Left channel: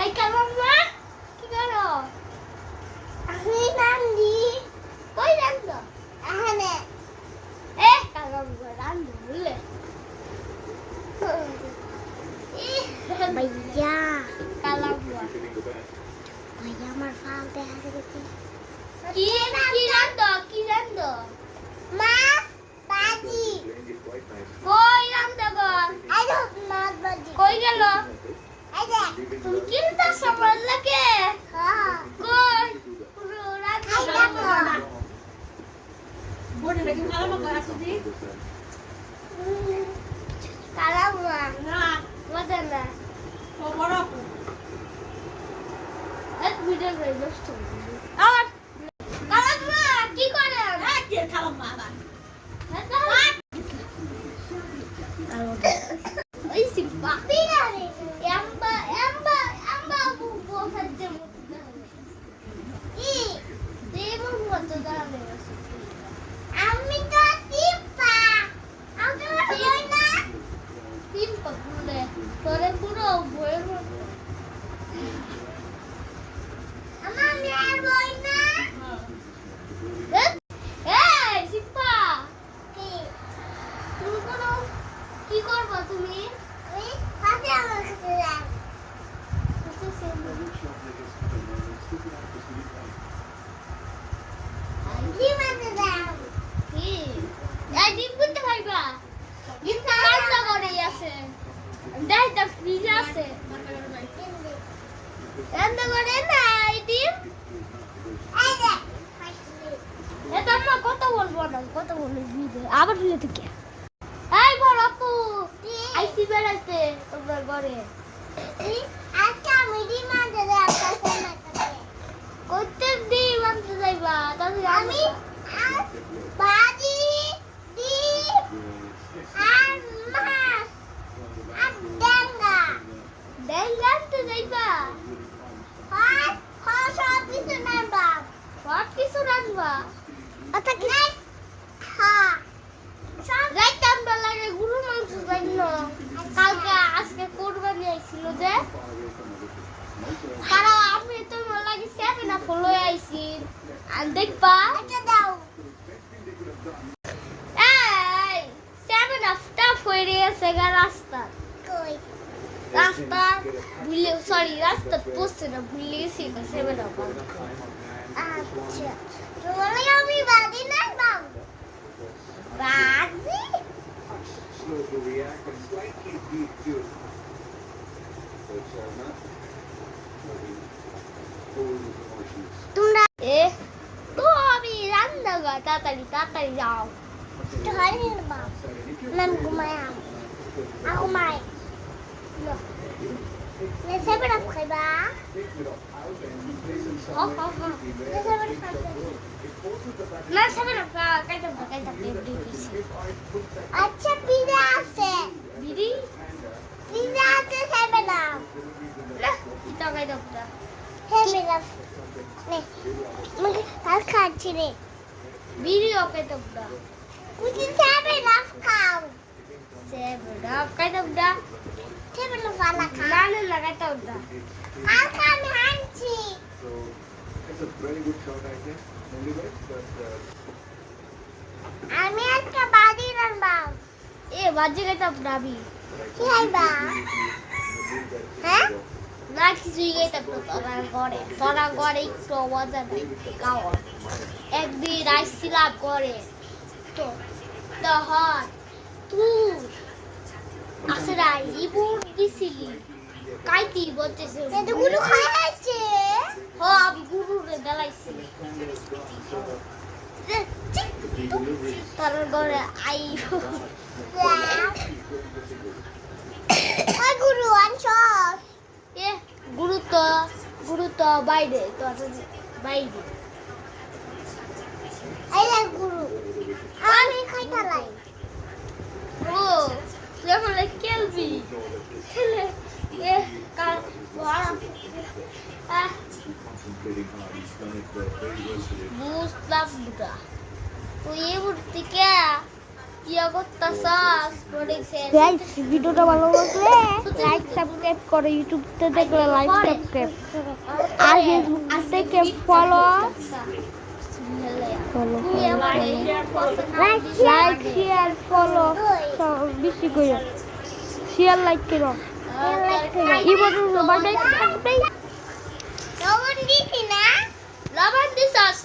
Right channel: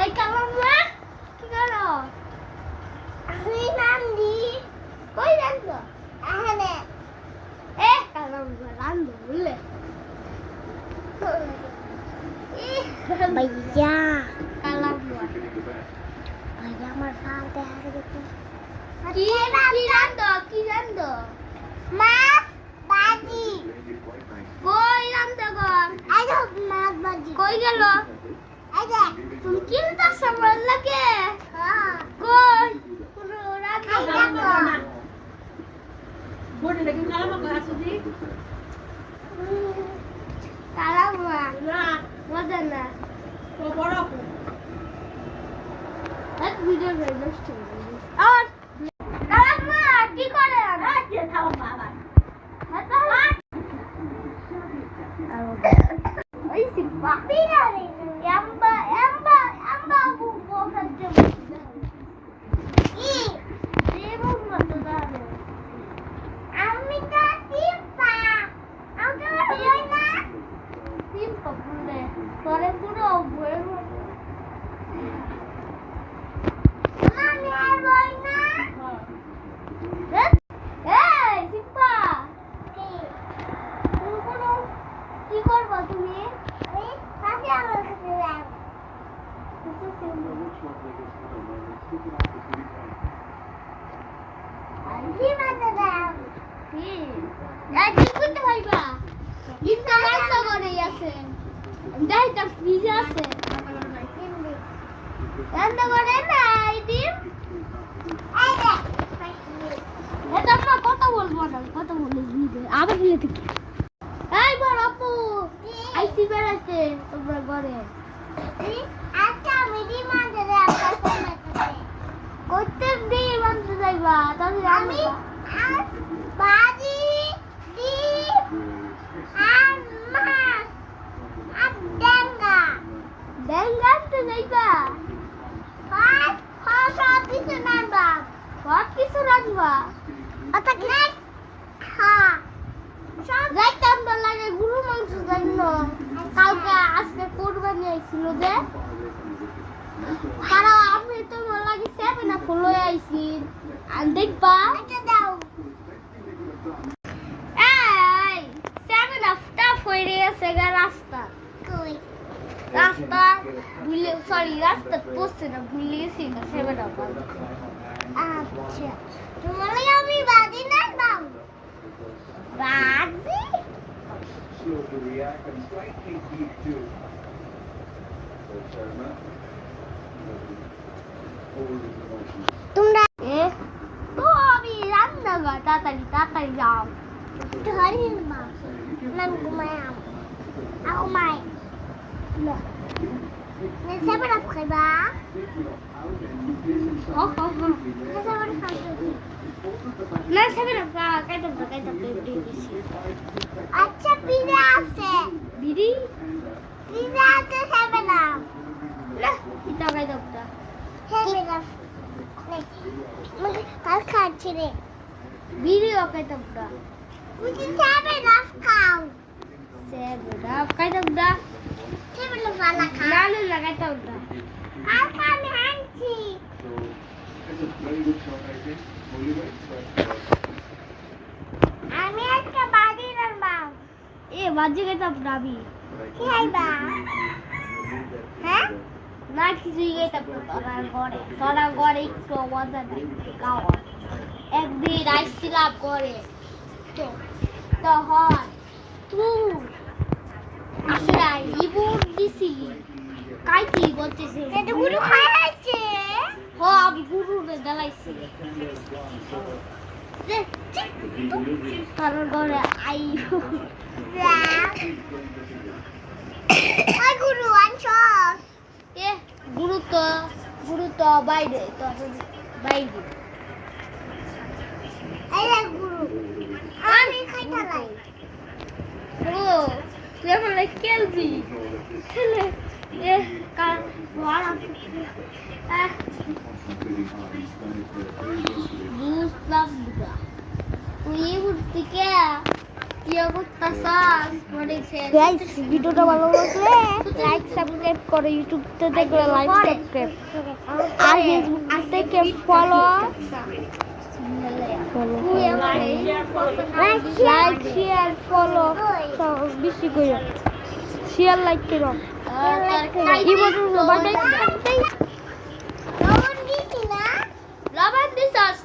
এই কালাম্মা কি করো? আমি রান্ধি। কই রান্ধো? এখানে। কালাম্মা রান্ধো বললে? ভাইয়া কালাম্মা ভাইয়া আমার ভাত দেখা গেছে। কি রান্ধো? মাছ ভাজি। কই রান্ধো গো? এই তো মাছ ভাজি। কই গেল? এই যে তুমি কিনতে সময় লাগে? হ্যাঁ। কই? পুরো রান্ধো না। বোর্ডে দেখুন কালাম্মা কই আছে দি? কালাম্মা না মজা না। তো বড় আপু। এক ভিডিও করে নষ্ট করে দিই। আর কালাম্মা কি করে? কে কালাম্মা আবার? ওই সিম্পা পিরারে এম্বা বুবো খাচ্ছে ই দেবো মত দাও আমি তো সিম্পা আমি তো বই না সিম্পা পুরে পরে পুরো বই আমি আর বই না এই সিম্পা কি করবো তুমি? আমি কাছে আমার কাছে যাও। কি বানাতে দাও? কি? এই ডিম করতে পারবা? ডিম তো রান্না করেই আছে। দেখ তা ফ্রিজে আছে। রান্না করে না এই ডিম? এই দেখ। এটা আমরা কথা বলবো না, কথা বলবো আবার বলে থেকে। এই বড় আপু আইসি বেড়াতে তোমার ঘরে আচ্ছা মিডি মাঝে করতে দিই মানতে যাইবা তাহলে আমি ভাজি ডিম আর মাছ আর ডেঙ্গা তো যাইবা সব কিছু রান্না সব কিছু রান্না আচ্ছা কি হ্যাঁ রাইতাম তো লাগে গরু মাংস জানো কালকে আজকে কোরবানি আইছিল যে তারা আমি তো লাগে সেভেন আপ লই আইছি আর দেখবা এটা দাও এই সেভেন আপ টাফ হয়ে গেছে গা রাস্তা কই রাস্তা ভুলে সরি রাস্তা পড়ছে না ভুলে গেছি না সেভেন আপ আচ্ছা তোমাকে আমি বাদি না দাও বাদি তোমরা তো আমি রান্না গা তাড়াতাড়ি যাও ধরে মা নাম ঘুমায় ঘুমায় না मैं सेवन अप खाइबा हो सेवन ना सेवन अप का काइट अच्छा पिज़्ज़ा আছে বিড়ি পিज़्ज़ा আছে সেভেন আপ না এটা কাইট আপটা সেভেন আপ নে মুঝে কাল খাচ্ছি রে বিড়ি কাইট আপটা মুঝে সেভেন আপ খাও সেভেন আপ কাইট আপটা সেভেন আপ वाला खा लाल लगाता होता काल खा में हांची আমি একটা বাজি রান্না এ বাজি কাইট আপটা বি কি আইবা হ্যাঁ না কিছুই এটা তোরা ঘরে একটু মজা নাই খাও একদিন আইছিলাম করে তো তখন তুই আসরা ইবুর দিছিলি কাইতি বলতেছে এটা গুরু খাইছে হ আমি গুরুরে গালাইছি তার ঘরে আই ওই গুরু আনছস এ গুরু তো বাইরে তো বাইরে এই গুরু আমি খাইতা লাই ও যেমন খেলবি খেলে এ কাল বড় বুঝলাম না তুই উঠতে কে কি করতাছস বলেছে গাইস ভিডিওটা ভালো লাগলে লাইক সাবস্ক্রাইব করো, ইউটিউবতে দেখলে লাইক সাবস্ক্রাইব, আর ফেসবুক থেকে ফলো লাইক শেয়ার ফলো সব বেশি করো, শেয়ার লাইক করো কি বলছো বাই বাই। লবণ দিছি না লবণ দিছস